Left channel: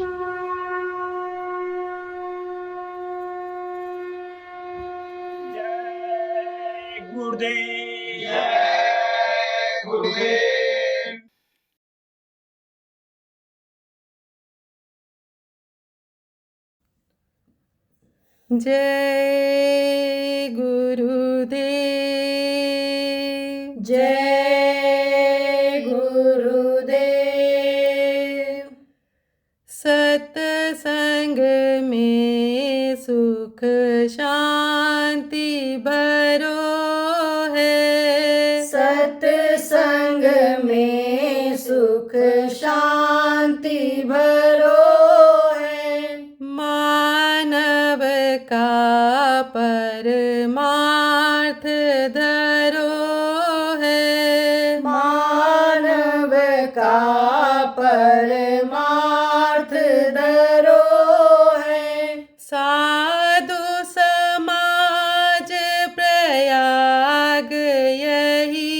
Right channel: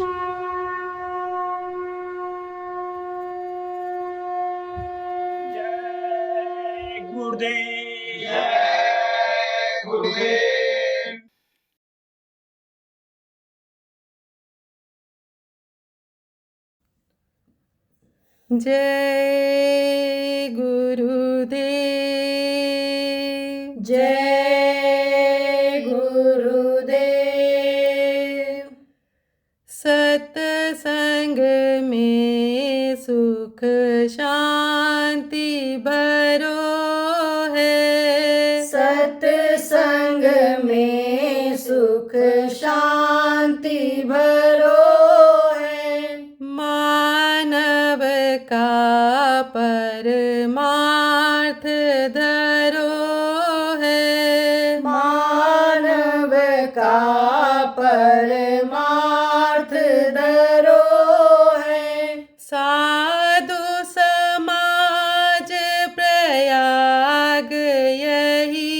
जय गुरुदेव। जय गुरुदेव। जय गुरुदेव। जय गुरुदेव। सत्संग में सुख शांति भरो है। सत्संग में सुख शांति भरो है। मानव का परमार्थ धरो है। मानव का परमार्थ धरो है। साधु समाज प्रयाग यही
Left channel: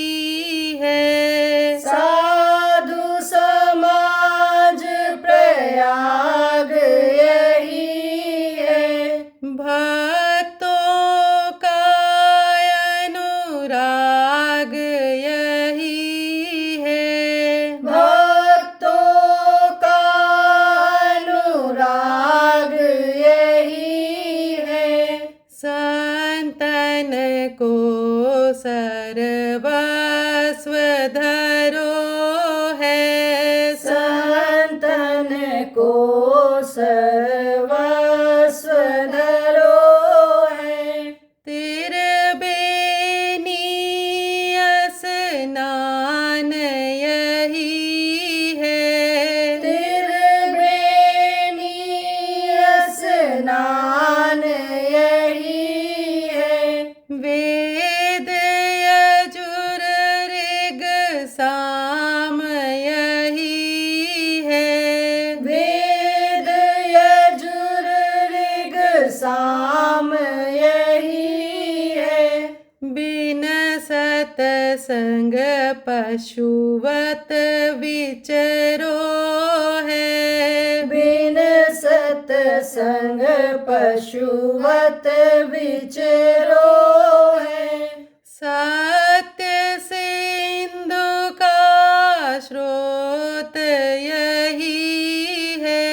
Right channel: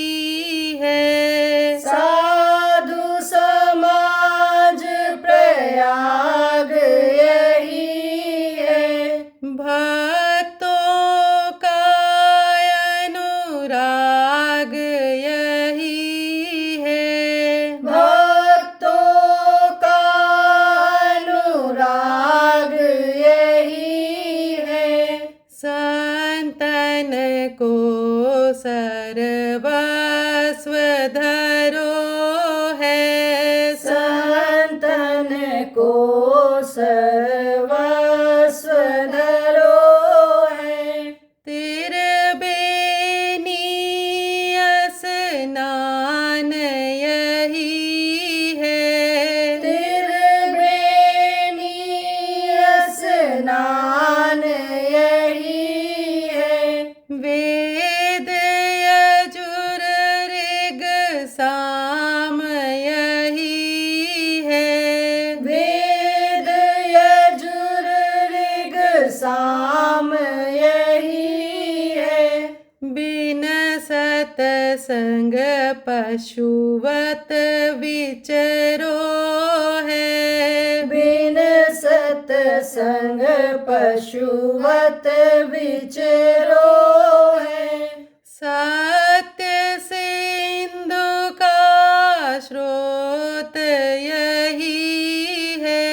है। साधु समाज प्रयाग यही है। भक्तों का अनुराग यही है। भक्तों का अनुराग यही है। संतन को सर्वस्व धरो है। संतन को सर्वस्व धरो है। त्रिबेनी स्नान यही है। त्रिबेनी स्नान यही है। वेद यजुर ऋग साम यही है। वेद यजुर ऋग साम यही है। बिन सतसंग पशुवत विचरो है। बिन सत्संग पशुवत विचरो है। सत्य सिंधु का स्रोत यही है।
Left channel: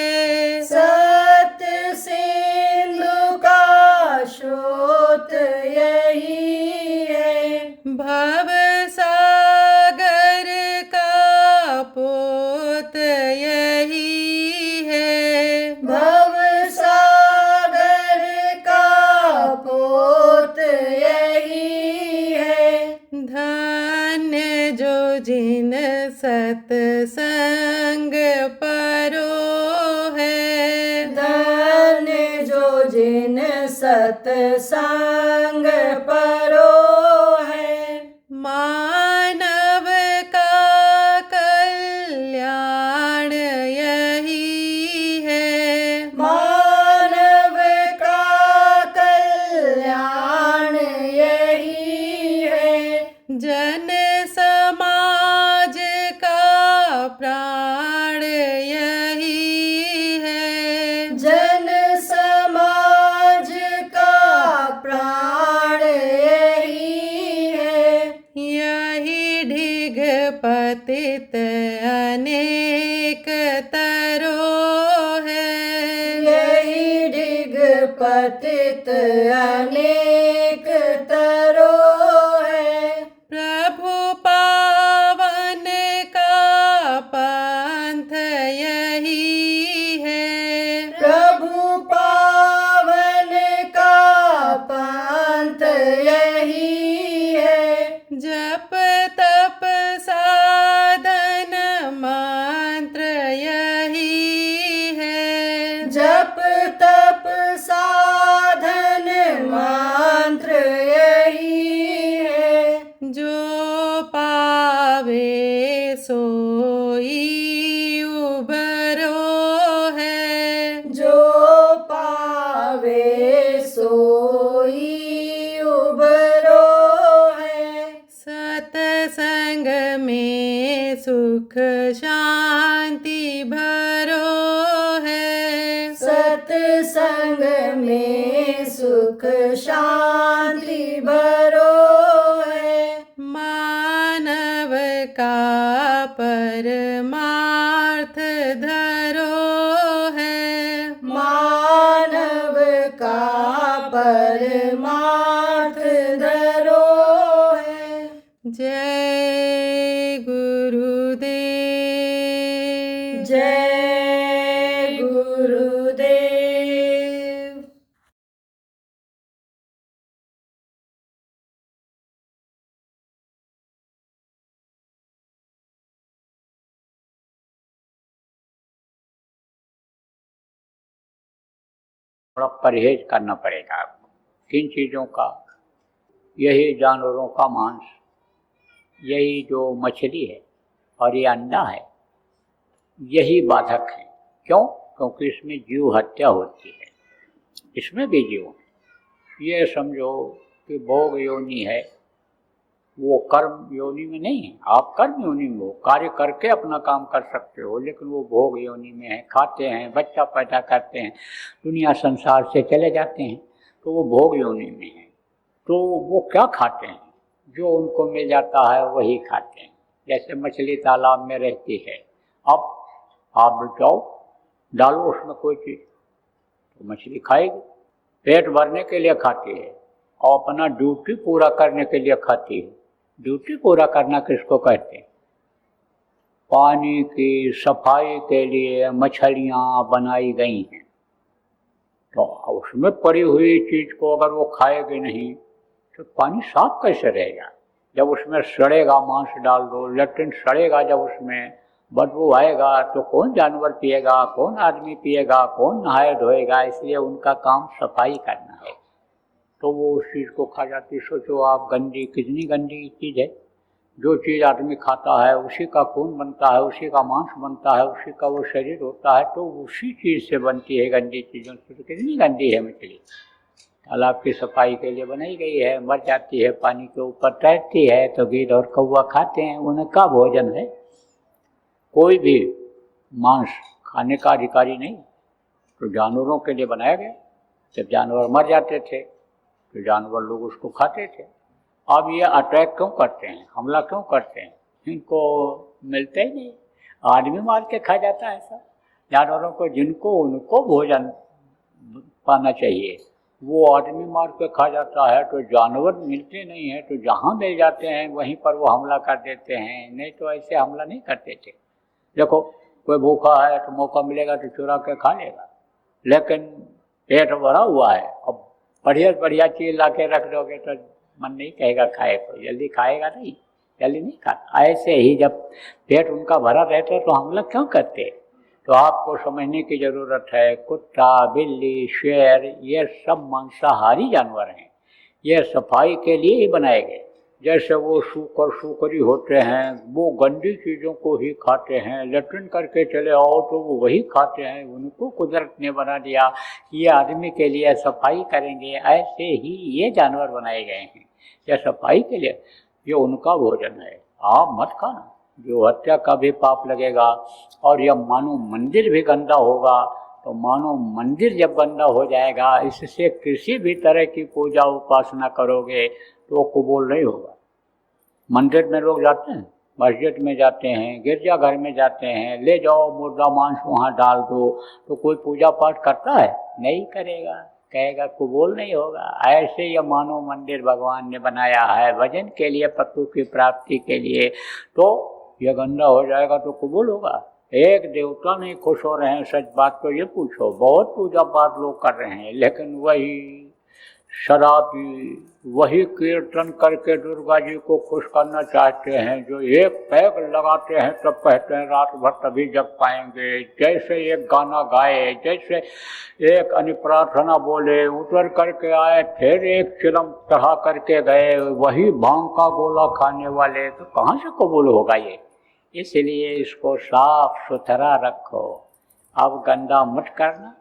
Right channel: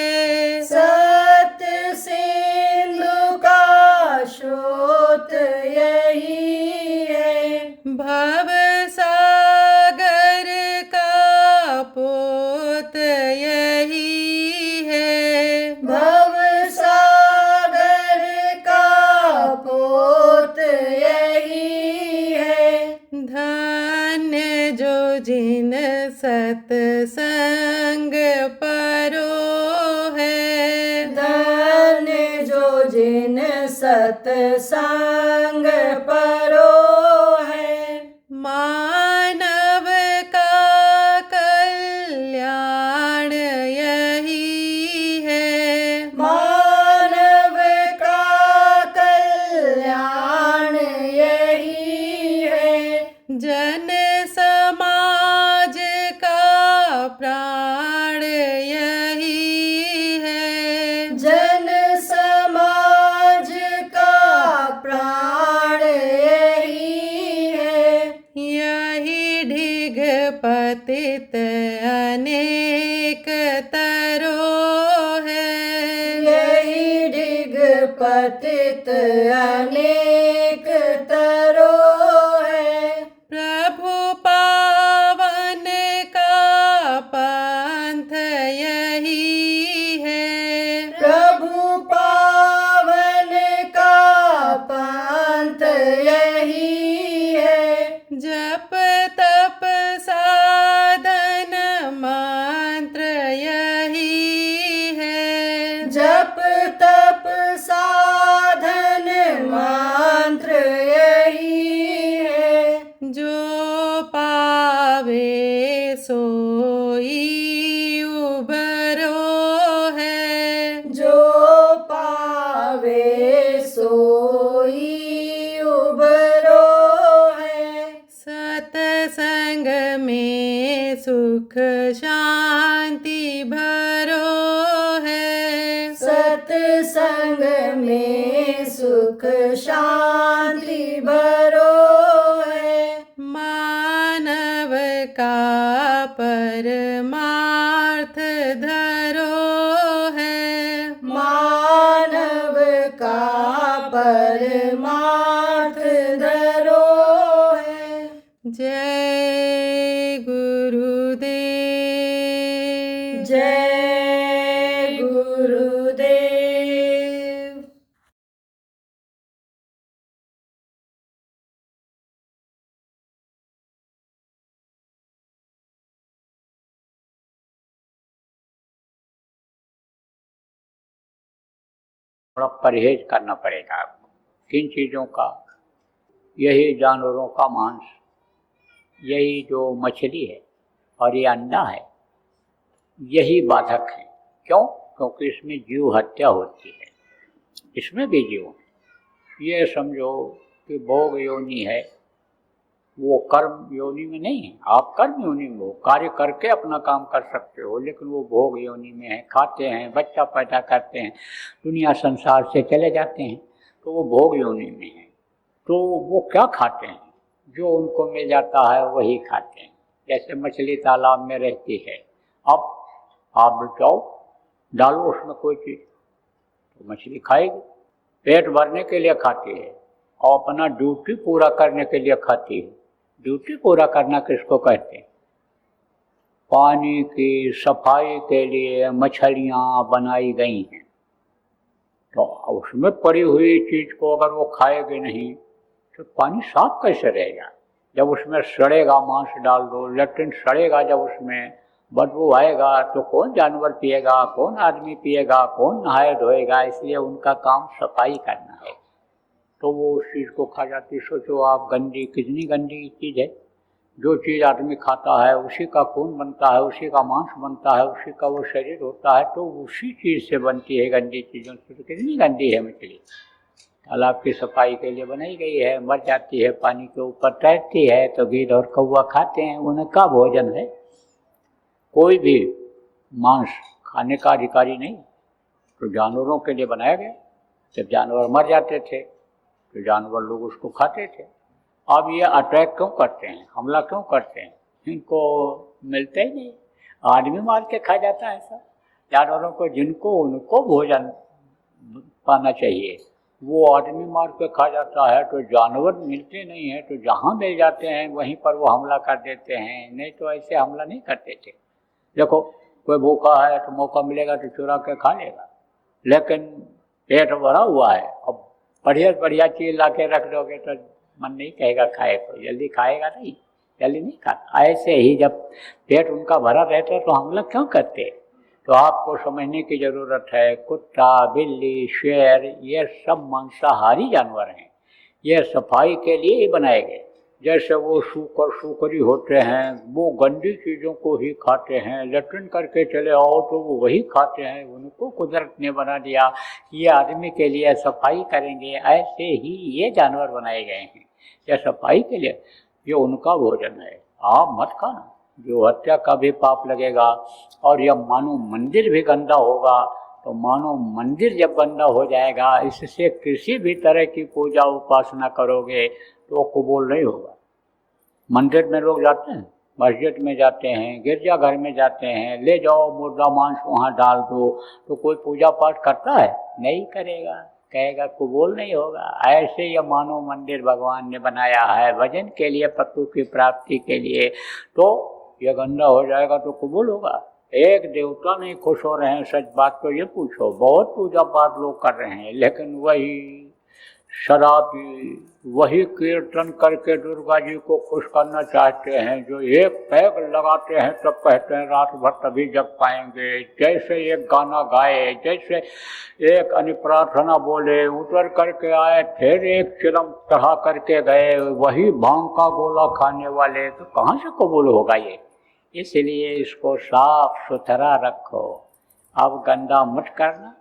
सत्य सिंधु का स्रोत यही है। भव सागर का पोत यही है। भव सागर का पोत यही है। धन्य जो जिन सत्संग परो है। धन्य जो जिन सत्संग परो है। मानव का कल्याण यही है। मानव का कल्याण यही है। जन समाज का प्राण यही है। जन समाज का प्राण यही है। यही ढिग पतित अनेक तरो है। यही ढिग पतित अनेक तरो है। प्रभु पावन का पंथ यही है। प्रभु पावन का पंथ यही है। जप तप साधन मंत्र यही है। जप तप साधन मंत्र यही सत्संग में सुख शांति भरो है। मानव का परमार्थ धरो है। मानव का परमार्थ धरो है। जय गुरुदेव। जय गुरुदेव। थोड़ा परहेज करना पड़ेगा आपको। किन चीज़ों का? यही जानवरों का मांस, यही जो मछली है और ये अंडा है, यही बाधक है। क्यों? क्योंकि इसमें जीव हत्या होती है, इसमें भी जीव है। ये समझो कि भोग योनि है, वो कर्म योनि में नहीं है। आप कर्म योनि में हो, कार्य करके अपना काम कर सकते हो, लेकिन वो भोग योनि में है। खाते हैं, बच्चा पैदा करते हैं, दुनिया संसार से चले जाते हैं, तो वो भोग योनि में है। तो वो क्या खाते हैं? जो उनको मिल जाता है वही खाते हैं। जैसे मछली तालाब में रहती है, अब आप बताओ, डालो उसमें कोई चीज़ तो मछली खाएगी। पेट भरने के लिए खाती है और अपना ड्यूटी पूरा करने के लिए खाती है। ड्यूटी पूरा करना किसको कहते हैं? पानी की सफाई के लिए मछलियाँ बनाई गई हैं, तो उसमें पड़ी हुई चीज को अगर वो खाएगी नहीं तो पानी साफ कैसे रहेगा? जब उसमें सड़ेगा मांस डाल दो, लेकिन सड़ेगा, जब उसमें बदबू आएगा तो कौन जानवर पिएगा, कौन आदमी पिएगा, कौन नहाए धोएगा? इसलिए उनका काम सफाई करना है, तो वो उस चीज़ को खा जाती। सोचो आप, गंदी, कितनी गंदी चीज़ है। जो चीज़ आदमी खाता है उसी का खून बनता है, उसी का मांस बनता है, उसी का वो शरीर होता है, तो उसी चीज़ से बनती है गंदी चीज़ों से। तो कितनी गंदी है मछली। तालाब की सफाई के लिए बनाई गई है, मर जाती है, पानी के ऊपर तैरती है, तो गिद्ध और कौवा खाते हैं, उनका भोजन है। कोई भी मांस खाने का अधिकारी नहीं, तो जानवरों के लिए बनाया गया। जब जानवर मर जाते थे तो जानवर लोग उसको खाते थे। अब ये अटैक क्यों करते हैं, हमला क्यों करते हैं? इनको मिलते ही नहीं, आदमी मार के खा जाता है सब जानवरों को, जिनको उनको भोजन पाना चाहिए वो आदमी मार के खा जाता है। तो जानवर मिलते नहीं है, तो जहाँ मिल जाते हैं वहीं पर वो हमला कर देते हैं, नहीं तो ऐसे हमला नहीं करते थे। देखो, कोई भूखा है तो मौका मिलेगा तो चुरा के खा लेगा, लेकिन पेट भरा हुआ है, अब बढ़िया बढ़िया चीज़ ला के रख दोगे तो मन नहीं कहेगा खाए, तो जल्दी खाएगा नहीं, जल्दी नहीं खाता। ऐसे ही जब पेट उनका भरा रहता है तो हमला क्यों करते? तो आपको समझने की जरूरत है, कुत्ता, बिल्ली, शेर, ये सब मांसाहारी जानवर हैं, ये सफाई के लिए ही बनाए गए। जैसे वो शूकर शूकरी होते हैं, वो गंदी चीज़ों को ही खाते हैं, लैट्रिन करके चले आओ तो वो वही खाते हैं। उनको कुदरत ने बना दिया, ये आदमी के लिए सफाई करेंगे, ऐसे ही ये जानवर बनाए गए हैं, ये सफाई के लिए, ये उनका भोजन है। आप मत खाओ, जो हत्या का भी पाप लगेगा। और ये मानो मंदिर भी गंदा होगा, तो मानो मंदिर जब गंदा हो जाएगा, इससे किसी भी तरह की पूजा उपासना करोगे तो कबूल नहीं होगा। मंदिर में लोग जाते हैं, मस्जिद में जाते हैं, गिरजाघर में जाते हैं, ले जाओ मुर्दा मांस वहाँ डाल दो, तो कोई पूजा पाठ करता है? नहीं करेगा, कहेगा कबूल नहीं होगा। ऐसे ये मानो मंदिर भगवान ने बनाया है भजन के लिए, प्रभु की प्राप्ति के लिए, तो ये गंदा हो जाएगा तो कबूल होगा? एक देवता नहीं खुश हो रहे हैं, सच बात तो ये पूछो। बहुत पूजा पाठ लोग कर रहे हैं, लेकिन वही शराबी, वही कीर्तन करके दुर्गा जी को खुश करना चाहते हैं, जो एक पैग लगाते हैं तब कहते हैं रात भर तभी जग पाएंगे। जैसे एक गाना गाए, जैसे एक अनुप्रार्थना बोले, उतर करके आए, फिर एक चिलम चढ़ा करके गए, वही भांग का गोला खाने वाले, तो कहाँ से कबूल होगा ये? इसलिए इसको साफ सुथरा रखो। अब गंदा मत करना,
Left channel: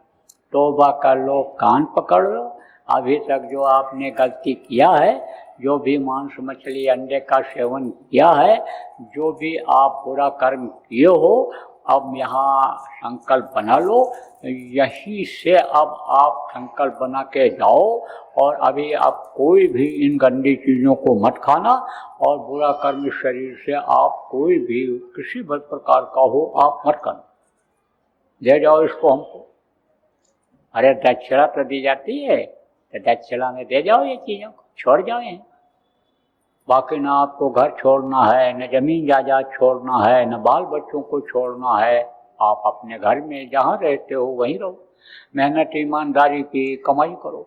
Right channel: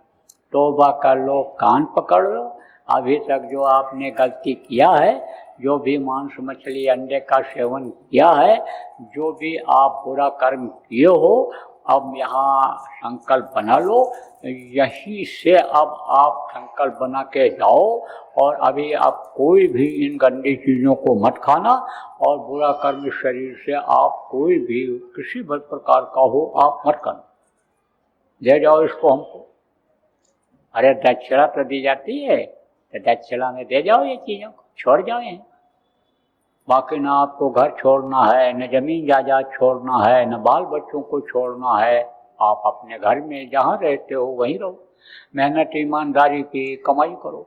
तौबा कर लो, कान पकड़ लो। अभी तक जो आपने गलती किया है, जो भी मांस मछली अंडे का सेवन किया है, जो भी आप बुरा कर्म किए हो, अब यहाँ संकल्प बना लो, यहीं से अब आप संकल्प बना के जाओ और अभी आप कोई भी इन गंदी चीज़ों को मत खाना और बुरा कर्म शरीर से आप कोई भी किसी भी प्रकार का हो आप मत करना। दे जाओ इसको हमको। अरे दक्षिणा तो दी जाती है तो दक्षिणा में दे जाओ ये चीज़ों को, छोड़ जाओ यहीं। बाकी ना आपको घर छोड़ना है, न जमीन जायदाद छोड़ना है, न बाल बच्चों को छोड़ना है। आप अपने घर में जहाँ रहते हो वहीं रहो, मेहनत ईमानदारी की कमाई करो।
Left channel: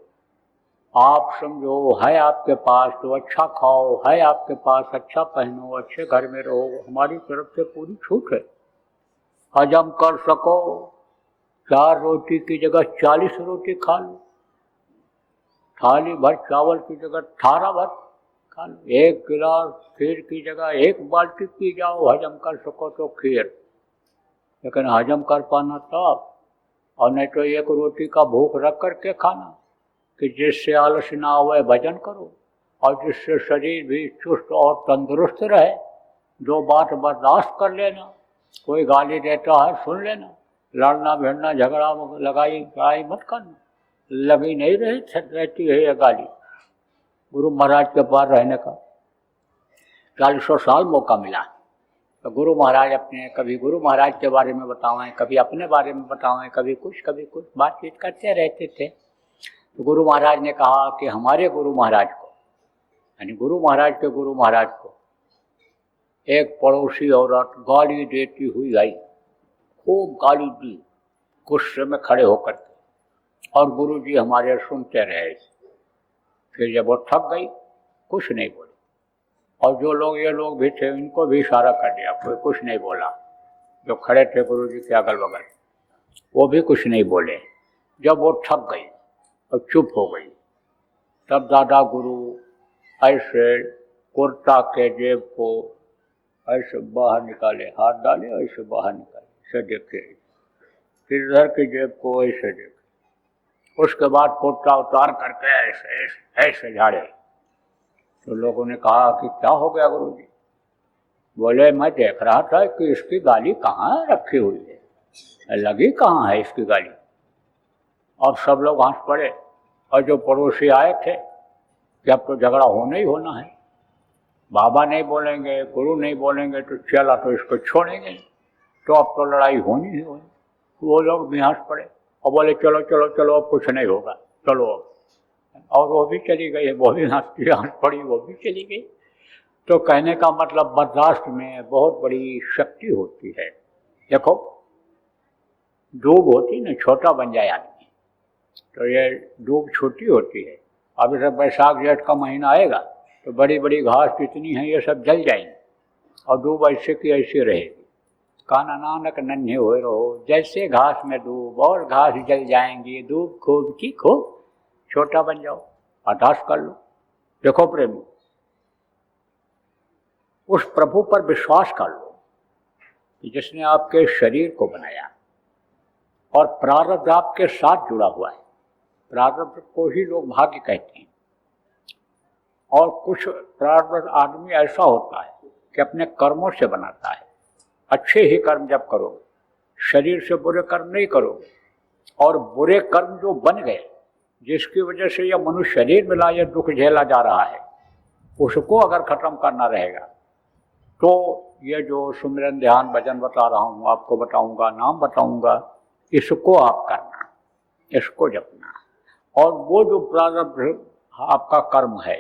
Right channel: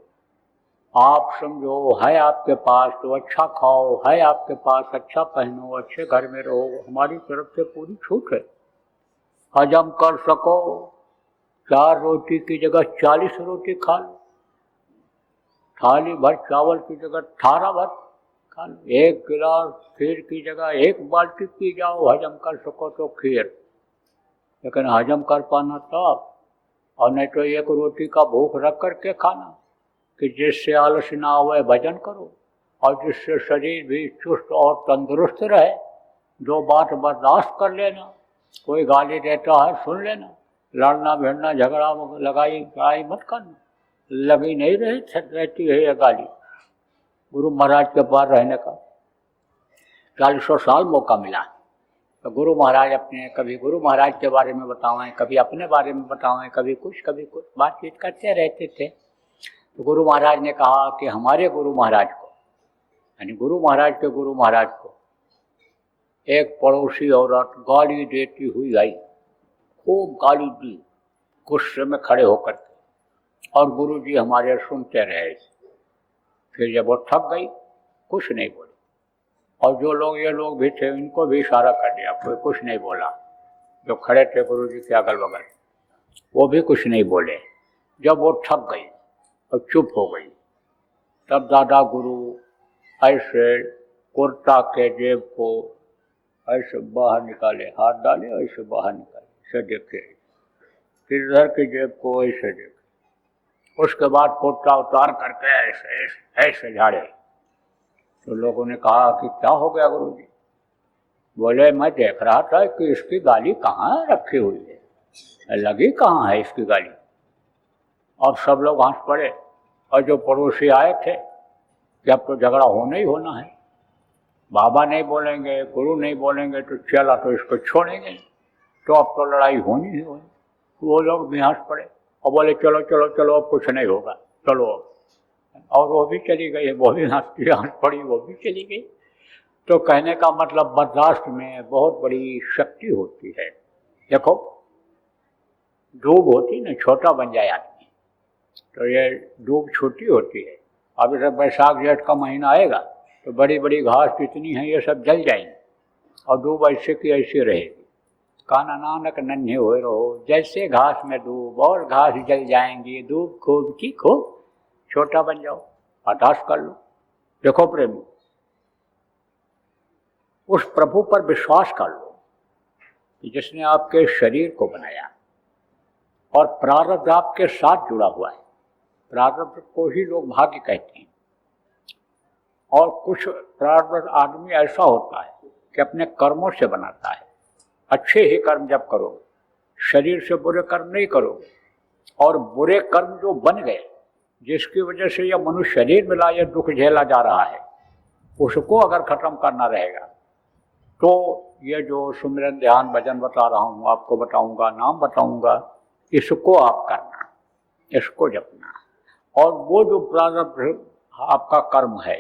आप समझो है आपके पास तो अच्छा खाओ, है आपके पास अच्छा पहनो, अच्छे घर में रहो। हमारी तरफ से पूरी छूट है। हजम कर सको 4 रोटी की जगह 40 रोटी खा लो, थाली भर चावल की जगह 18 भर खा लो, 1 गिलास खीर की जगह 1 बाल्टी पी जाओ। हजम कर सको तो खीर, लेकिन हजम कर पाना तब, और नहीं तो 1 रोटी का भूख रख करके खाना कि जिससे आलस ना आवे भजन करो और जिससे शरीर भी चुस्त और तंदुरुस्त रहे। 2 बात बर्दाश्त कर लेना, कोई गाली देता है सुन लेना, लड़ना भिड़ना झगड़ा लगाई लड़ाई मत करना। लगी नहीं रहती है ये गाली। गुरु महाराज के पास रहने का 40 साल मौका मिला तो गुरु महाराज अपने कभी गुरु महाराज के बारे में बतावें, कभी अपने बारे में बतावें, कभी कुछ बातचीत करते रहते थे। तो गुरु महाराज ने कहा कि हमारे गुरु महाराज को, यानी गुरु महाराज के गुरु महाराज को एक पड़ोसी औरत गाली देती हुई आई, खूब गाली दी गुस्से में खड़े होकर, और गुरुजी हमारे सुनते रहे। फिर जब वो थक गई कुछ नहीं बोली, और जो लोग ये लोग भी थे इनको भी इशारा कर दिया, कोई कुछ नहीं बोला। जो खड़े थे गुरुजी के अगल बगल वो भी कुछ नहीं बोले। जब वो थक गई तो चुप हो गई। तब दादा गुरु ऐसे कुर्ता के जेब को ऐसे बाहर निकाले, हाथ डाले ऐसे बाहर निकाले, ऐसे देखे, फिर इधर की जेब को ऐसे देखे, उसके बाद कुर्ता उतार करके ऐसे ऐसे झाड़े। तो लोगों ने कहा कि क्या हो गया गुरुजी? बोले मैं देख रहा था कि इसकी गाली कहाँ रखी हुई है, लगी कहाँ है इसकी गाली। और सब लोग हंस पड़े, और जो पड़ोसी आए थे कि अब तो झगड़ा होना ही होना है, बाबा नहीं बोलेंगे गुरु नहीं बोलेंगे तो चला तो इसको छोड़ेंगे, तो अब तो लड़ाई होनी ही होनी। वो लोग भी हंस पड़े और बोले चलो चलो चलो अब कुछ नहीं होना, चलो। और वो भी चली गई, वो भी हंस पड़ी, वो भी चली गई। तो कहने का मतलब बर्दाश्त में बहुत बड़ी शक्ति होती है। देखो डूब होती ना, छोटा बन जाए आदमी, तो ये डूब छोटी होती है। अभी तो बैसाख जेठ का महीना आएगा तो बड़ी बड़ी घास जितनी है ये सब जल जाएंगी, और डूब ऐसे की ऐसे रहे। काना नानक नन्हे हुए रहो, जैसे घास में डूब और घास जल जाएंगी, डूब खूब की खूब, छोटा बन जाओ, बर्दाश्त कर लो। देखो प्रेमी, उस प्रभु पर विश्वास कर लो कि जिसने आपके शरीर को बनाया, और प्रारब्ध आपके साथ जुड़ा हुआ है। प्रारब्ध को ही लोग भाग्य कहते हैं। और कुछ प्रारब्ध आदमी ऐसा होता है कि अपने कर्मों से बनाता है। अच्छे ही कर्म जब करोगे, शरीर से बुरे कर्म नहीं करोगे, और बुरे कर्म जो बन गए जिसकी वजह से यह मनुष्य शरीर मिला, यह दुख झेला जा रहा है, उसको अगर खत्म करना रहेगा तो ये जो सुमिरन ध्यान भजन बता रहा हूँ, आपको बताऊंगा, नाम बताऊंगा, इसको आप करना, इसको जपना। और वो जो प्रारब्ध आपका कर्म है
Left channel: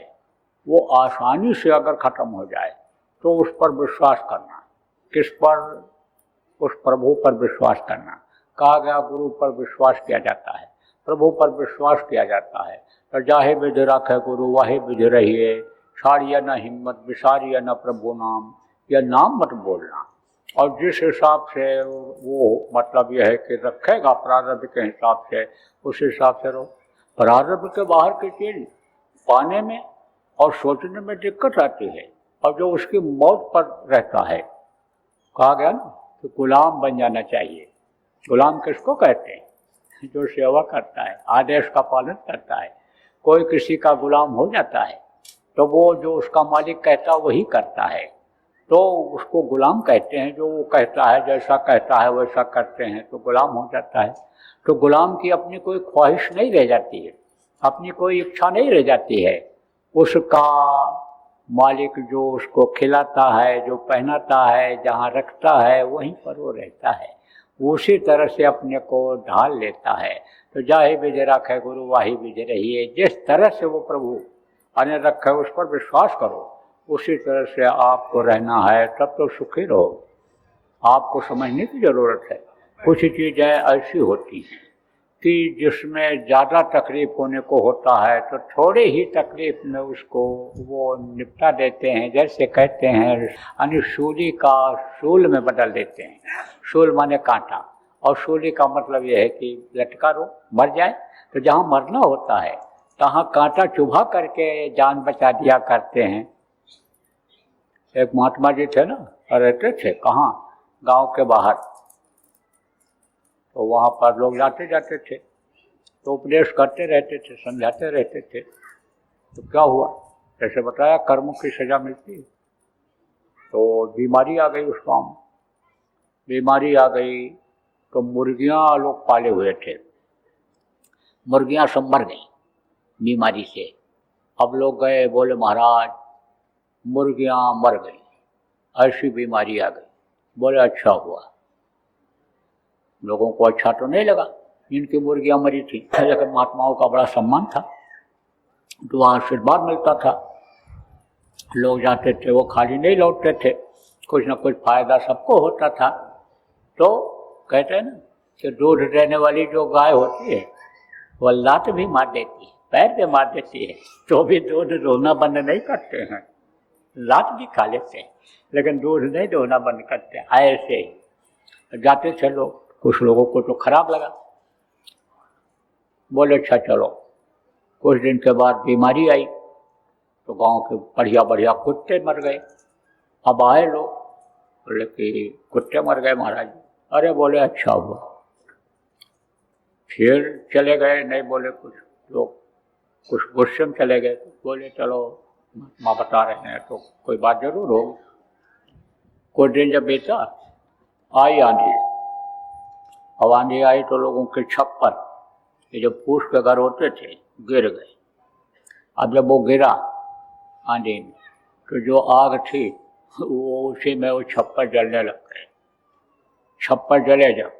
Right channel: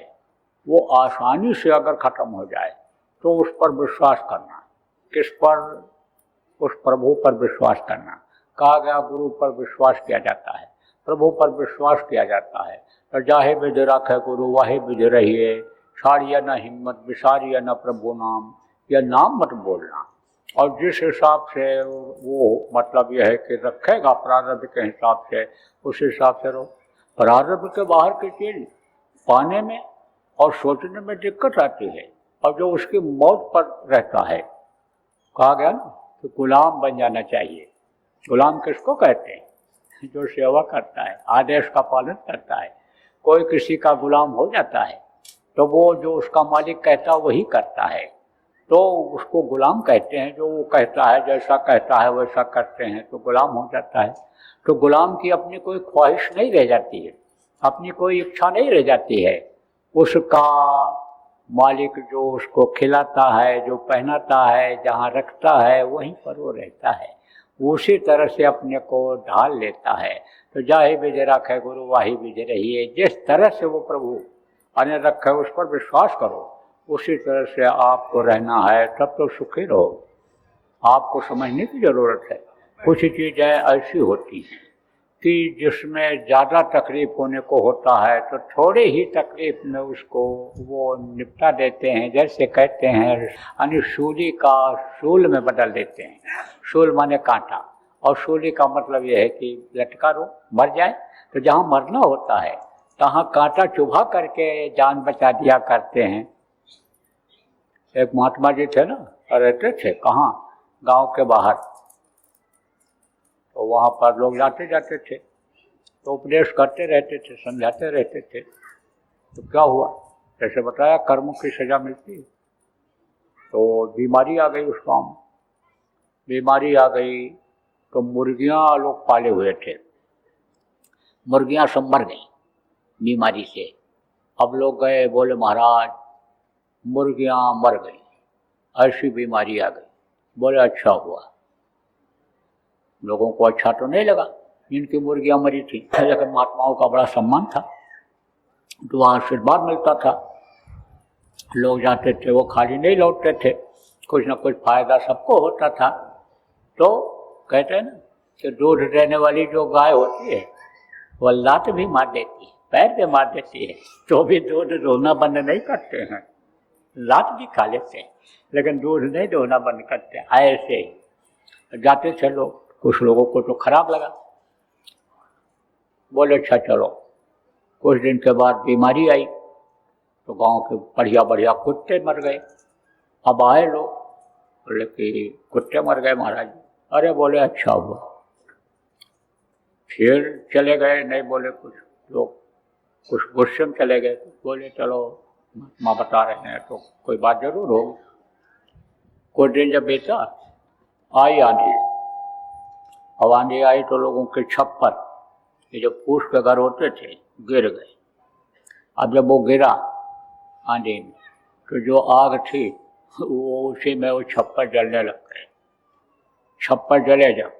वो आसानी से अगर खत्म हो जाए तो उस पर विश्वास करना। किस पर? उस प्रभु पर विश्वास करना। कहा गया गुरु पर विश्वास किया जाता है, प्रभु पर विश्वास किया जाता है। और जाहे विधि रखे गुरु वाहे विधि रहिए, छाड़िए न हिम्मत विसारिए न प्रभु नाम, यह नाम मत बोलना। और जिस हिसाब से वो मतलब यह है कि रखेगा प्रारब्ध के हिसाब से, उस हिसाब से रहो। प्रारब्ध के बाहर की चीज पाने में और सोचने में दिक्कत आती है, और जो उसकी मौत पर रहता है, कहा गया ना कि गुलाम बन जाना चाहिए। गुलाम किसको कहते हैं? जो सेवा करता है, आदेश का पालन करता है। कोई किसी का गुलाम हो जाता है तो वो जो उसका मालिक कहता है वही करता है। तो उसको गुलाम कहते हैं। जो वो कहता है, जैसा कहता है वैसा करते हैं तो गुलाम हो जाता है। तो गुलाम की अपनी कोई ख्वाहिश नहीं रह जाती है, अपनी कोई इच्छा नहीं रह जाती है। उसका मालिक जो उसको खिलाता है, जो पहनाता है, जहाँ रखता है, वहीं पर वो रहता है। उसी तरह से अपने को ढाल लेता है। तो जाहि बिज रखे गुरु वाही बिज रहिए। जिस तरह से वो प्रभु अन्य रखे उस पर विश्वास करो, उसी तरह से आपको रहना है, तब तो सुखी रहो। आपको समझने की जरूरत है। कुछ चीज़ें ऐसी होती हैं कि जिसमें ज़्यादा तकलीफ होने को होता है तो थोड़े ही तकलीफ में उसको वो निपटा देते हैं। जैसे कहते हैं यानी सूली का शूल में बदल देते हैं। शूल माने कांटे, और सूली का मतलब ये है कि लटका रो मर जाए। तो जहाँ मरना होता है तहाँ कांटा चुभा करके जान बचा दिया करते हैं। एक महात्मा जी थे ना, रहते थे कहाँ, गांव के बाहर। तो वहाँ पर लोग जाते जाते थे तो उपदेश करते रहते थे, समझाते रहते थे। तो क्या हुआ, जैसे बताया कर्मों की सजा मिलती है। तो बीमारी आ गई उस गाँव में। बीमारी आ गई तो मुर्गियाँ लोग पाले हुए थे, मुर्गियाँ सब मर गई बीमारी से। अब लोग गए, बोले महाराज मुर्गियाँ मर गई, ऐसी बीमारी आ गई। बोले अच्छा हुआ। लोगों को अच्छा तो नहीं लगा, इनकी मुर्गियाँ मरी थी, लेकिन महात्माओं का बड़ा सम्मान था, तो आशीर्वाद मिलता था। लोग जाते थे, वो खाली नहीं लौटते थे, कुछ ना कुछ फायदा सबको होता था। तो कहते हैं ना कि दूध देने वाली जो गाय होती है वो लात भी मार देती है, पैर पे मार देती है, तो भी दूध दोहना बंद नहीं करते हैं। लात भी खा लेते हैं लेकिन दूध नहीं दोहना बंद करते। ऐसे ही जाते थे लोग, कुछ लोगों को तो खराब लगा, बोले अच्छा चलो। कुछ दिन के बाद बीमारी आई तो गांव के बढ़िया बढ़िया कुत्ते मर गए। अब आए लोग, बोले कि कुत्ते मर गए महाराज। अरे बोले अच्छा हुआ। फिर चले गए, नहीं बोले कुछ लोग, कुछ गुस्से में चले गए, कुछ बोले चलो मैं बता रहे हैं तो कोई बात जरूर है। कुछ दिन जब बेटा आई आंधी, अब आंधी आई तो लोगों के छप्पर, ये जो फूस के घर होते थे, गिर गए। अब जब वो गिरा आंधी में तो जो आग थी वो उसी में वो छप्पर जलने लग गए। छप्पर जले जब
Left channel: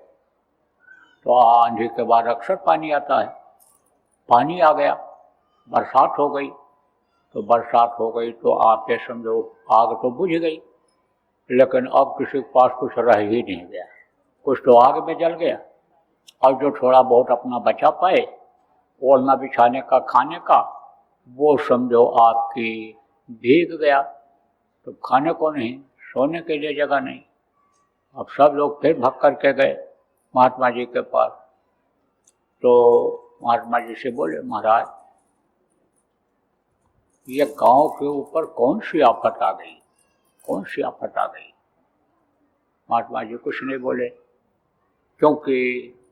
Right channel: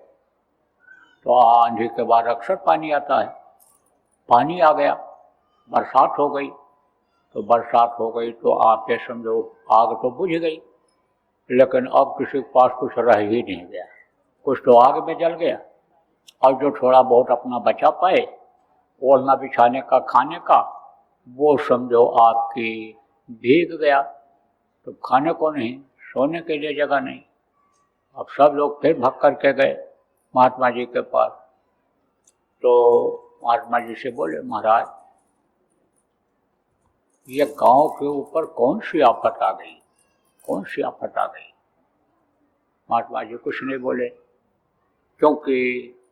तो आंधी के बाद अक्सर पानी आता है, पानी आ गया, बरसात हो गई। तो बरसात हो गई तो आपके समझो आग तो बुझ गई, लेकिन अब किसी के पास कुछ रह ही नहीं गया। कुछ तो आग भी जल गया, अब जो थोड़ा बहुत अपना बचा पाए ओढ़ना बिछाने का, खाने का, वो समझो आपकी भीग गया। तो खाने को नहीं, सोने के लिए जगह नहीं। अब सब लोग फिर भाग करके गए महात्मा जी के पास। तो महात्मा जी से बोले महाराज ये गांव के ऊपर कौन सी आफत आ गई, कौन सी आफत आ गई। महात्मा जी कुछ नहीं बोले, क्योंकि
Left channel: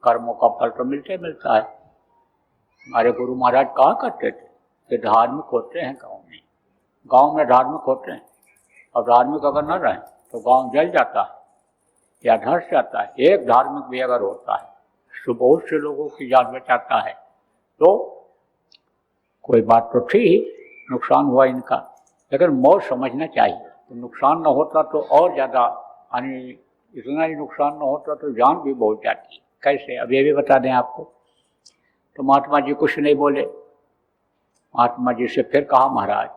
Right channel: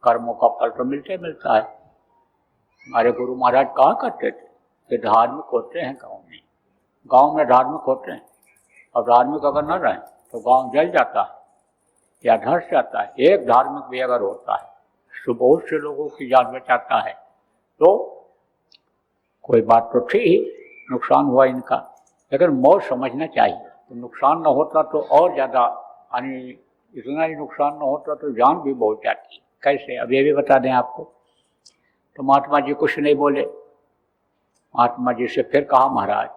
कर्मों का फल तो मिलते मिलता है। हमारे गुरु महाराज कहा करते थे कि धार्मिक होते हैं गांव में धार्मिक होते हैं, और धार्मिक अगर न रहे तो गांव जल जाता है या धंस जाता है। एक धार्मिक भी अगर होता है तो बहुत से लोगों की जान बचाता है। तो कोई बात तो थी, नुकसान हुआ इनका, लेकिन मौत समझना चाहिए। तो नुकसान न होता तो और ज़्यादा, यानी इतना ही नुकसान न होता तो जान भी बहुत जाती है। कैसे, अब ये भी बता दें आपको। तो महात्मा जी कुछ नहीं बोले। महात्मा जी से फिर कहा महाराज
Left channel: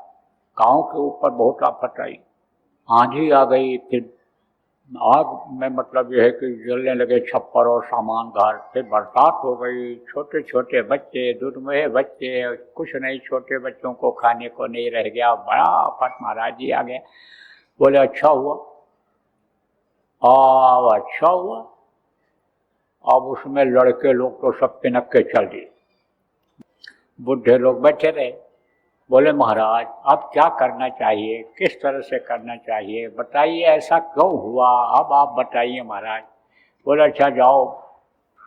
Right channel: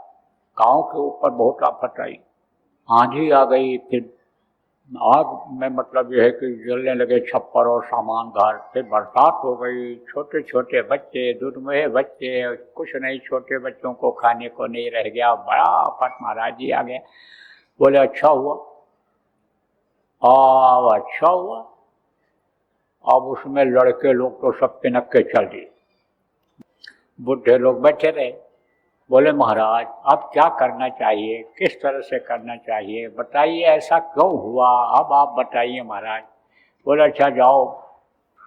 गाँव के ऊपर बहुत आफत आई, आंधी आ गई, फिर आग में मतलब यह है कि जलने लगे छप्पर और सामान घर। फिर बरसात हो गई, छोटे छोटे बच्चे, दुर्मय बच्चे, कुछ नहीं, छोटे बच्चों को खाने को नहीं रह गया, बड़ा आफत महाराज जी आ गया। बोले अच्छा हुआ, अच्छा हुआ। अब उसमें लड़के लोग तो सब पिनक के चल दिए, बुढ़े लोग बैठे रहे। बोले महाराज अब क्या करना चाहिए, किस तरह से करना चाहिए, बताइए ऐसा क्यों हुआ, अब आप बताइए महाराज। बोला अच्छा जाओ,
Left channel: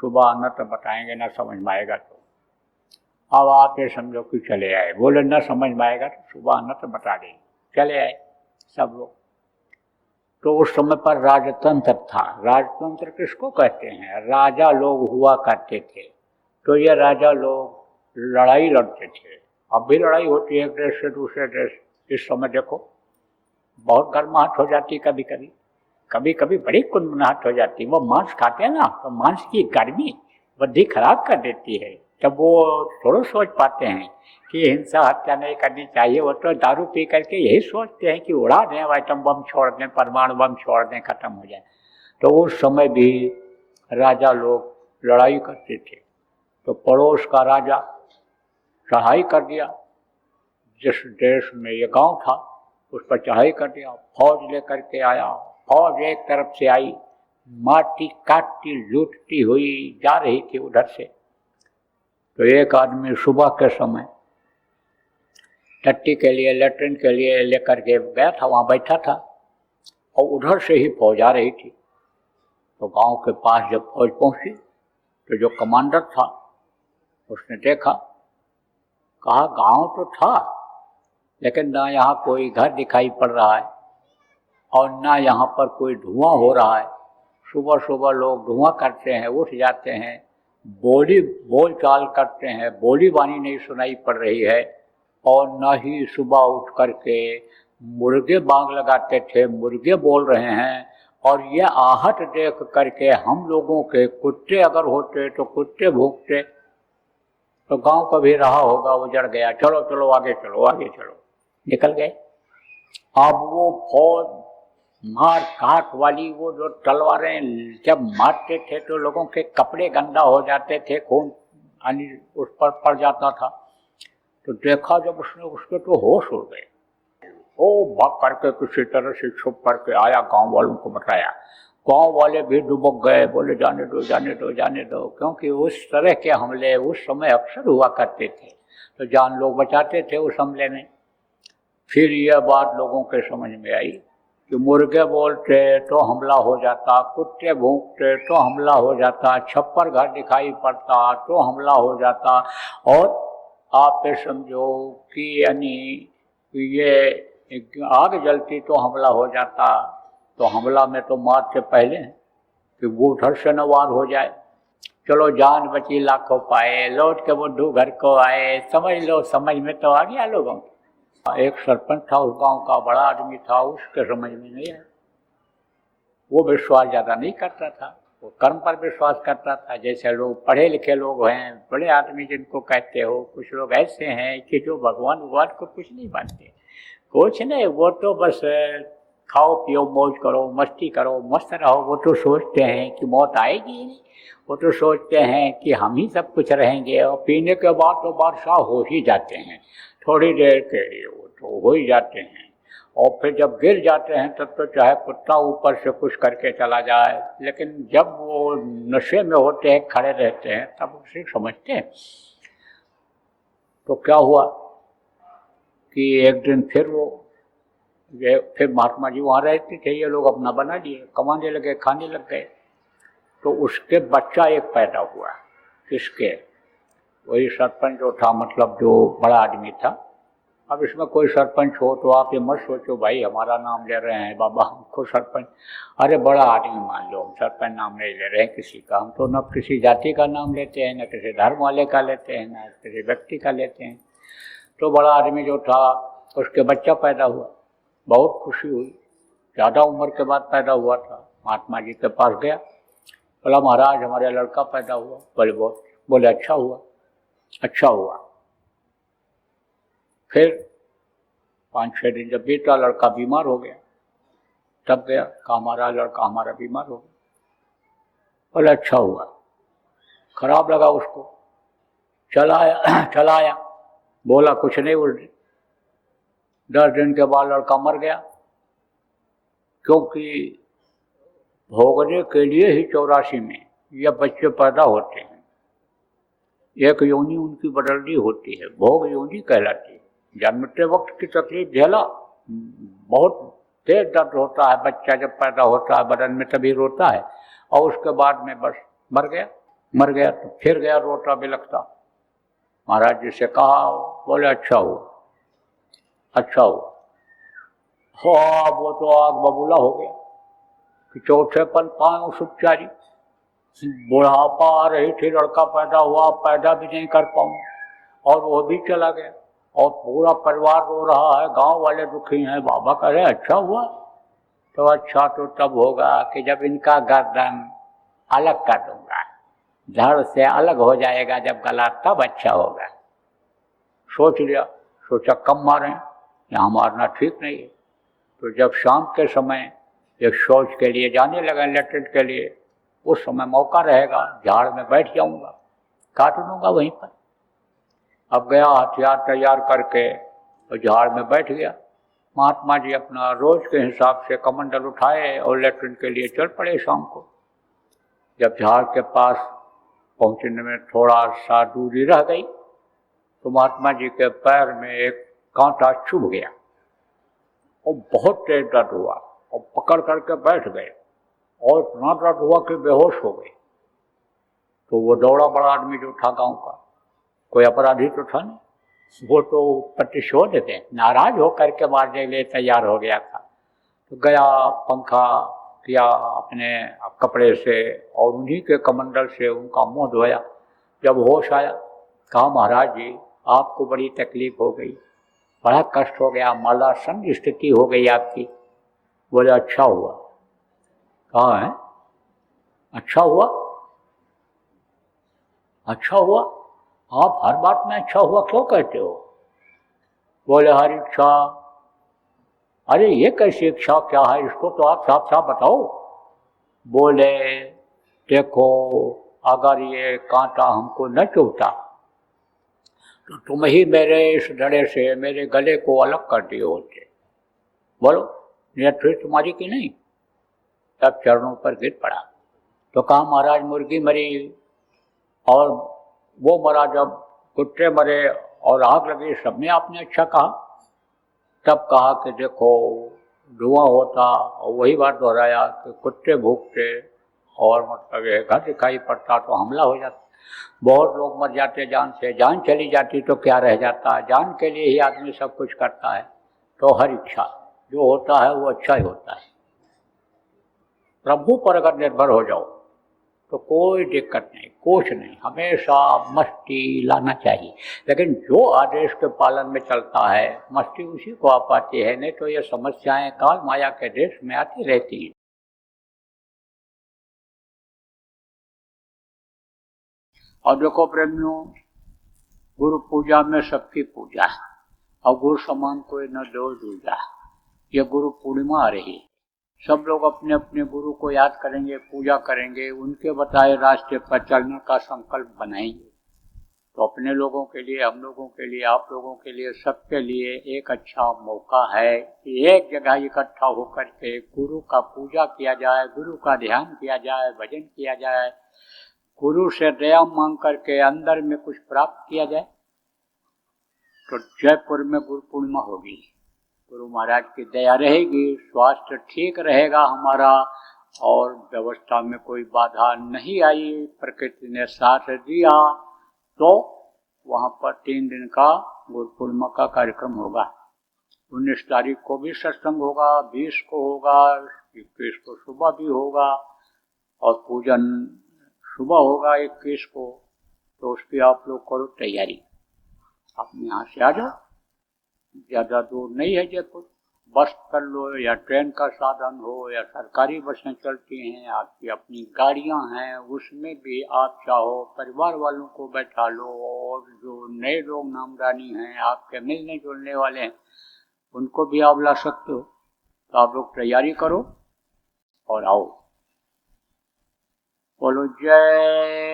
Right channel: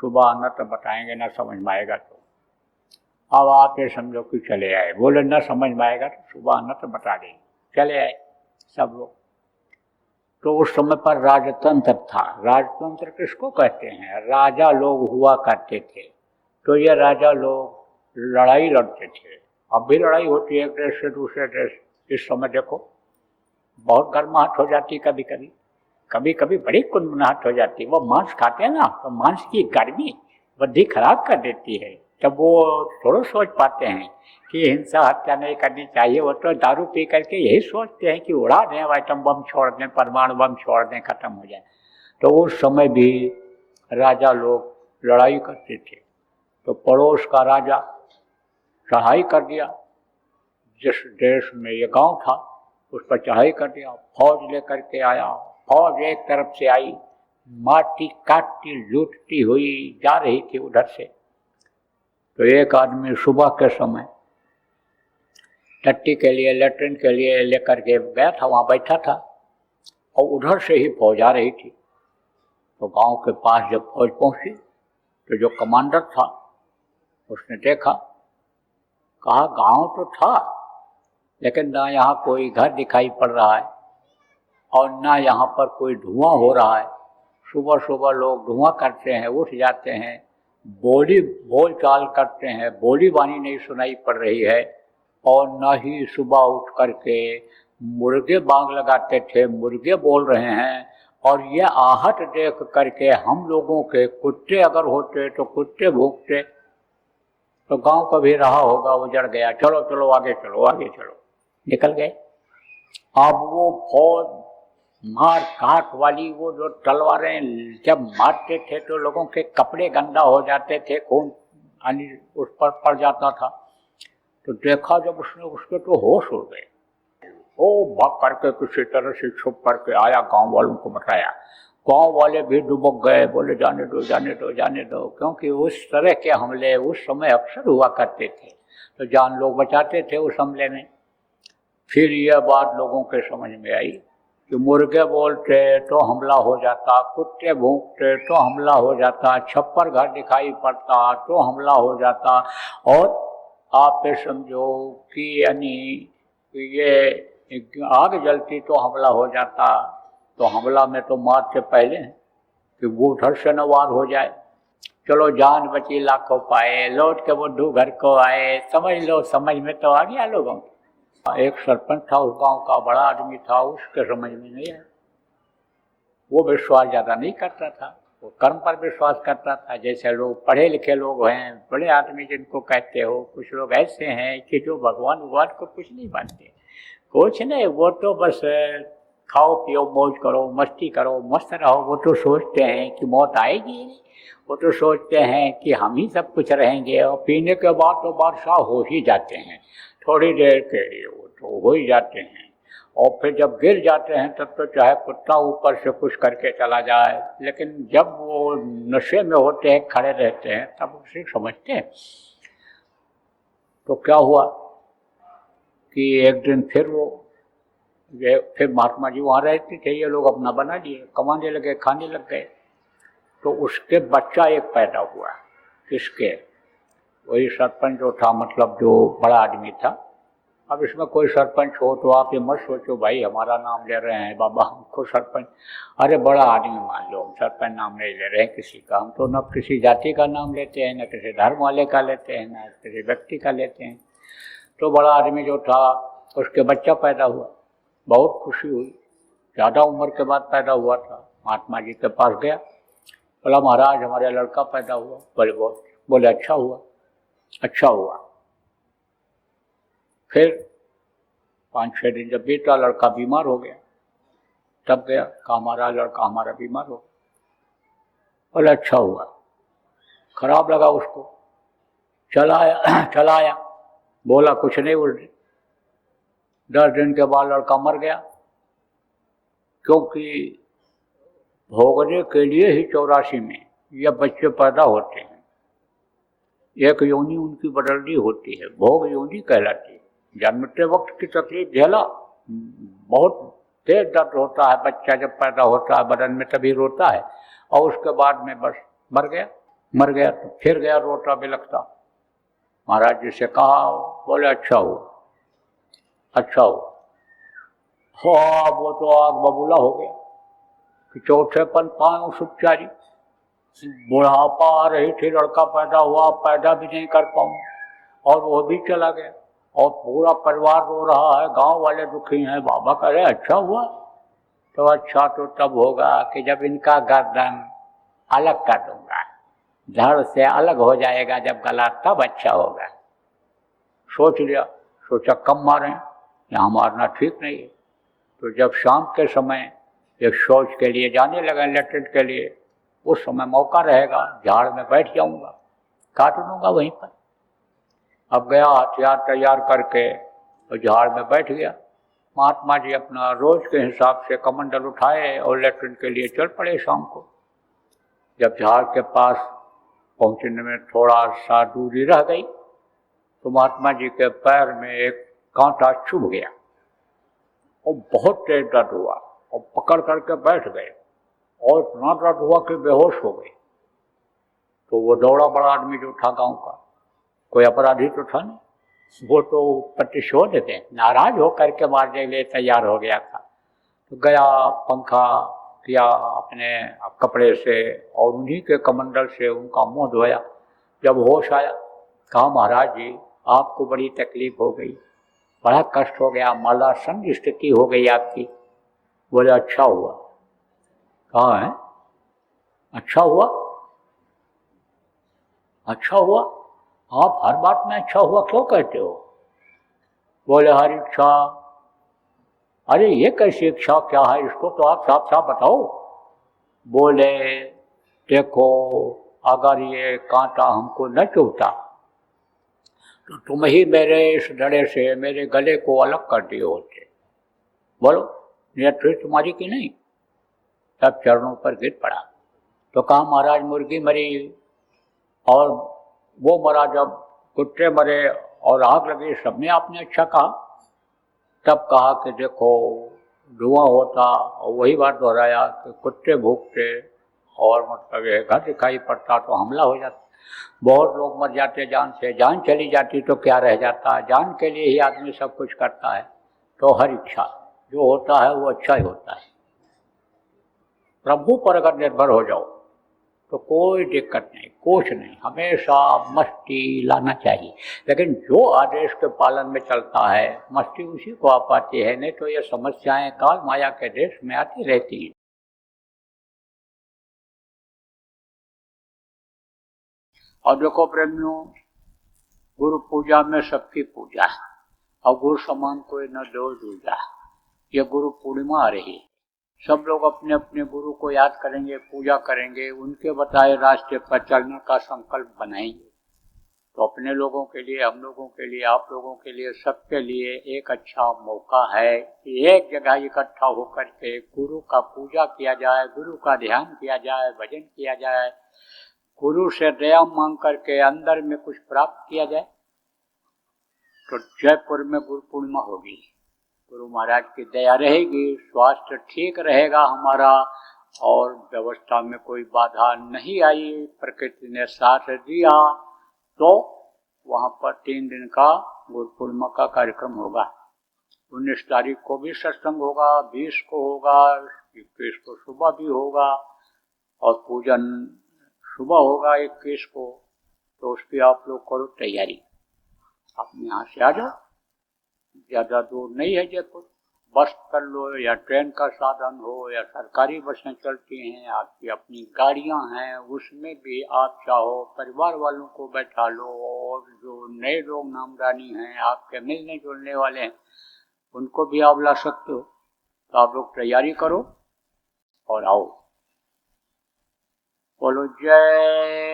सुबह न तो बताएंगे ना समझ में आएगा। अब आप ये समझो कि चले आए। बोले न समझ में आएगा तो सुबह न तो बता देंगे। चले आए सब लोग। तो उस समय पर राजतंत्र था। राजतंत्र किसको कहते हैं? राजा लोग हुआ करते थे। तो ये राजा लोग लड़ाई लड़ते थे। अब भी लड़ाई होती है एक देश से दूसरे देश। इस समय देखो बहुत गर्माहट हो जाती है, कभी कभी कभी कभी बड़ी कुनमुनाहट हो जाती है। वो मांस खाते हैं ना, तो मांस की गर्मी बुद्धि खराब कर देती है। तब वो थोड़ा सोच पाते हैं कि हिंसा हत्या नहीं करनी चाहिए। वो तो दारू पी करके यही सोचते हैं कि उड़ा दें, आइटम बम छोड़ दें, परमाणु बम छोड़ दें, खत्म हो जाए। तो उस समय भी राजा लोग लड़ाई करते थे। तो पड़ोस का राजा चढ़ाई कर दिया, जिस देश में ये गांव था उस पर चढ़ाई कर दिया, फौज लेकर के आया। फौज एक तरफ से आई, माटी काटती लूटती हुई जा रही थी उधर से। तो एक आदमी सुबह के समय टट्टी के लिए, लेटरिन के लिए लेकर के गया था, वहां बैठा था और उधर से ही फौज आ रही थी। तो गांव के पास जब फौज पहुंची तो जो कमांडर था उसने देखा, कहा गांव तो था लेकिन ना यहाँ कोई घर दिखाई पड़ रहा है और ना यहाँ पर कोई धुआं हो रहा है। सुबह सुबह लोग धुआं करते हैं, उठ जाते हैं, बोल चाल करते हैं, बोली बानी नहीं सुनाई पड़ रही है। और न ही सुबह उठ करके मुर्गे बाग लगाते थे, मुर्गे बोल रहे हैं। और ये आहट देख करके हम लोगों के कुत्ते अगर होते तो कुत्ते भूखते, तो गांव को भी रहा होगा, उजड़ गया, चलो चलो आगे चलो आगे चलो, निकल गए। अब वो फौज मार काट वाली वो जो तलवारें जब मारते थे तो लोगों के कपड़े गंदा हो जाते थे, खून पानी उस पर पड़ जाता था। तो देखा जब उसने, उसके तो होश उड़ गए। वो भाग करके किसी तरह से छुप करके आया, गांव वालों को बताया। गांव वाले भी डुबक गए, बोले जाने दो जाने दो जाने दो, क्योंकि उस तरह के हमले उस समय अक्सर हुआ करते थे, तो जान लोग बचाते थे उस हमले में। फिर यह बात लोगों के समझ में आई कि मुर्गे बोलते तो हमला हो जाता, कुत्ते भूखते तो हमला हो जाता, छप्पर घर दिखाई पड़ता तो हमला हो जाता। और आप समझो कि यानी ये आग जलती तो हमला हो जाता। तो हमला में तो मार से पहले कि वो उधर से न वार हो जाए। चलो जान बची लाखों पाए, लौट के बुद्धू घर को आए। समझ लो, समझ में तो आ गया लोगों। एक सरपंच था उस गांव का, बड़ा आदमी था, उसके समझ में नहीं आया। वो विश्वास ज्यादा नहीं करता था, वो कर्म पर विश्वास करता था। जैसे लोग पढ़े लिखे लोग हैं, बड़े आदमी जिनको कहते हो, कुछ लोग ऐसे हैं कि जो भगवान को कुछ नहीं मानते, कुछ नहीं, वो तो बस खाओ पियो मौज करो, मस्ती करो, मस्त रहो। वो तो सोचते हैं कि मौत आएगी, वो तो सोचते हैं कि हम ही सब कुछ रहेंगे। और पीने के बाद तो बादशाह हो ही जाते हैं, थोड़ी देर के लिए वो तो हो ही जाते हैं। और फिर जब गिर जाते हैं तब तो चाहे कुत्ता ऊपर से कुछ करके चला जाए, लेकिन जब वो नशे में होते हैं, खड़े रहते हैं, तब उसे समझते हैं। तो क्या हुआ कि एक दिन फिर महात्मा जी वहाँ रहते थे, ये लोग अपना बना लिए, कमाने लगे, खाने लग गए। तो उसके बच्चा एक पैदा हुआ, किसके, वही सरपंच जो था, मतलब जो बड़ा आदमी था। अब इसमें कोई सरपंच हो तो आप ये मत सोचो भाई हमारा नाम ले रहे हैं बाबा हमको सरपंच, अरे बड़ा आदमी मान लो, हम सरपंच नाम नहीं ले रहे हैं किसी का। हम तो न किसी जाति का नाम लेते हैं, न किसी धर्म वाले का लेते हैं, न किसी व्यक्ति का लेते हैं। तो बड़ा आदमी जो था उसके बच्चा पैदा हुआ, बहुत खुशी हुई। ज़्यादा उम्र के बाद पैदा हुआ था। महात्मा जी के पास गया, बोला महाराज हमारा लड़का पैदा हुआ। बोले अच्छा हुआ, अच्छा हुआ। फिर 5-6 दिन जब बीता, लड़का बीमार हो गया। तब गया, कहा हमारा लड़का हमारा बीमार हो गया। बोले अच्छा हुआ। खराब लगा उसको, चला आया, बोला कुछ नहीं, उल्टी 10 दिन के बाद लड़का मर गया, क्योंकि भोगने के लिए ही 84 में यह बच्चे पैदा होते हैं। एक योनि उनकी बदलनी होती है, भोग योनि कहलाती है। जन्मते वक्त की तकलीफ झेला, बहुत तेज दर्द होता है, बच्चा जब पैदा होता है बदन में तभी रोता है, और उसके बाद में बस मर गया। तो फिर गया रोता बिलखता। महाराज जी से कहा, बोले अच्छा हुआ, अच्छा हुआ। वो तो आग बबूला हो गया, कि चौथे पल पायो सुखचारी, बुढ़ापा आ रही थी, लड़का पैदा हुआ, पैदा भी नहीं कर पाऊँ और वो भी चला गया और पूरा परिवार रो रहा है, गांव वाले दुखी हैं। बाबा कह रहे अच्छा हुआ, तो अच्छा तो तब होगा कि जब इनका गर्दन अलग कर दूंगा, धड़ से अलग हो जाएगा जब गला, तब अच्छा होगा। सोच लिया, सोचा कम मारें, यहाँ मारना ठीक नहीं है। तो जब शाम के समय ये सोच के लिए जाने लगा लेटरिन के लिए, उस समय मौका रहेगा, झाड़ में बैठ जाऊंगा, काट लूंगा वहीं पर। अब गया हथियार तैयार करके और झाड़ में बैठ गया। महात्मा जी अपना रोज के हिसाब से कमंडल उठाए और लेटरिन के लिए चल पड़े शाम को। जब झाड़ के पास पहुंचने में थोड़ा सा दूरी रह गई तो महात्मा जी के पैर में एक कांटा चुभ गया और बहुत तेज दर्द हुआ और पकड़ करके बैठ गए और इतना दर्द हुआ कि बेहोश हो गए। तो वो दौड़ा बड़ा आदमी जो था गाँव का, कोई अपराधी तो था नहीं, वो तो प्रतिशोध थे, नाराज होकर के मारने के लिए तैयार हो गया था। तो गया, पंखा किया अपने कपड़े से और उन्हीं के कमंडल से उनका मुंह धोया। जब होश आया, कहा महाराज जी आपको बड़ी तकलीफ हो गई, बड़ा कष्ट हो गया, मरणासन स्थिति हो गई आपकी। बोले अच्छा हुआ। कहा है अच्छा हुआ? अच्छा हुआ? आप हर बात में अच्छा हुआ क्यों कहते हो? बोले हर इच्छा। अरे ये कैसी इच्छा, क्या है इसको तो आप साफ साफ बताओ। बोले देखो अगर ये कांटा हमको न चुभता तो तुम ही मेरे इस धड़े से मेरे गले को अलग कर दिए होते। बोलो निरंतर तुम्हारी की नहीं? तब चरणों पर गिर पड़ा। तो कहा महाराज मुर्गी मरी और वो मरा, जब कुत्ते मरे और आग लगी, सबने आपने अच्छा कहा। तब कहा कि देखो धुआं होता और वही बात दोहराया कि कुत्ते भूखते और मतलब ये घर दिखाई पड़ता तो हमला हो जाता, बहुत लोग मर जाते जान से, जान चली जाती तो क्या रह जाता, जान के लिए ही आदमी सब कुछ करता है। तो हर इच्छा जो होता है वो अच्छा ही होता है। प्रभु पर अगर निर्भर हो जाओ तो कोई दिक्कत नहीं, कुछ नहीं, हमेशा मस्ती लाना चाहिए। लेकिन जो आदेश के पालन में चलता है मस्ती उसी को आ पाती है, नहीं तो ये समस्याएं काल माया के देश में आती रहती हैं। और देखो प्रेमियों, गुरु पूजा में सबकी पूजा है और गुरु समान कोई न दो दूजा। ये गुरु पूर्णिमा आ रही है, सब लोग अपने अपने गुरु को याद करेंगे, पूजा करेंगे, उनके बताए रास्ते पर चलने का संकल्प बनाएंगे। तो अपने लोगों के लिए, हम लोगों के लिए, आप लोगों के लिए, सबके लिए एक अच्छा मौका है कि एक जगह इकट्ठा होकर के गुरु का पूजा किया जाए, गुरु का ध्यान किया जाए, भजन किया जाए, गुरु से दया मांग करके अंदर में कुछ प्राप्त किया जाए। तो जयपुर में गुरु पूर्णिमा होगी, गुरु महाराज की दया रहेगी, स्वास्थ्य ठीक रहेगा हमारा और व्यवस्था में कोई बाधा नहीं आई, प्रकृति ने साथ दिया। तो वहाँ पर 3 दिन का गुरु पूर्णिमा का कार्यक्रम होगा। 19 तारीख को भी सत्संग होगा, 20 को होगा, 21 को सुबह भी होगा और पूजन सुबह होगा 21 को। तो उसकी आप लोग करो तैयारी, अपने यहाँ से आ जाओ, ज़्यादा दूर नहीं है जयपुर, बस कर लो या ट्रेन का साधन हो या सरकारी बसें चलती हैं, आपकी अपनी गाड़ियां हैं, उसमें भी आप चाहो परिवार वालों को बैठा लो और जो नए लोग नामदानी हैं आपके मिलने जुलने वाले हैं उनको भी आप ला सकते हो। तो आप लोग तैयारी करो और आओ। बोलो जय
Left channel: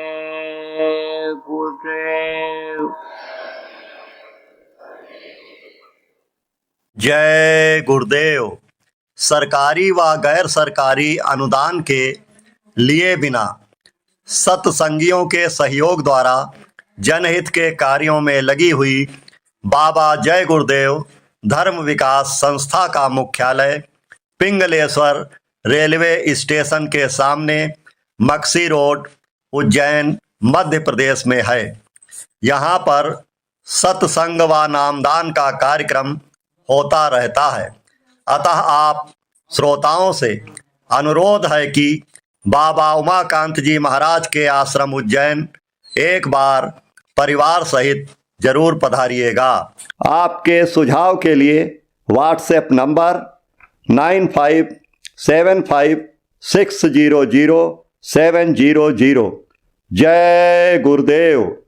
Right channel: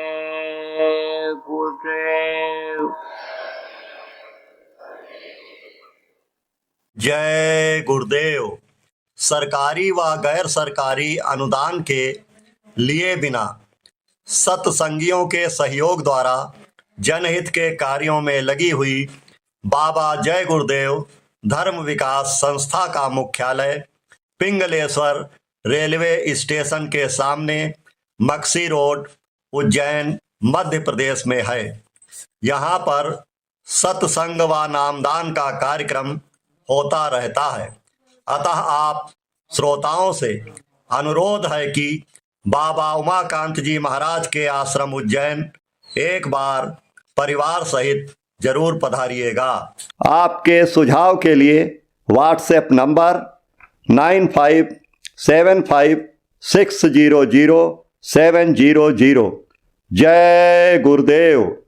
गुरुदेव। जय गुरुदेव। सरकारी व गैर सरकारी अनुदान के लिए बिना सत्संगियों के सहयोग द्वारा जनहित के कार्यों में लगी हुई बाबा जय गुरुदेव धर्म विकास संस्था का मुख्यालय पिंगलेश्वर रेलवे स्टेशन के सामने मक्सी रोड, उज्जैन, मध्य प्रदेश में है। यहाँ पर सत्संग व नामदान का कार्यक्रम होता रहता है। अतः आप श्रोताओं से अनुरोध है कि बाबा उमाकांत जी महाराज के आश्रम उज्जैन एक बार परिवार सहित जरूर पधारिएगा। आपके सुझाव के लिए व्हाट्सएप नंबर 9575600700। जय गुरुदेव।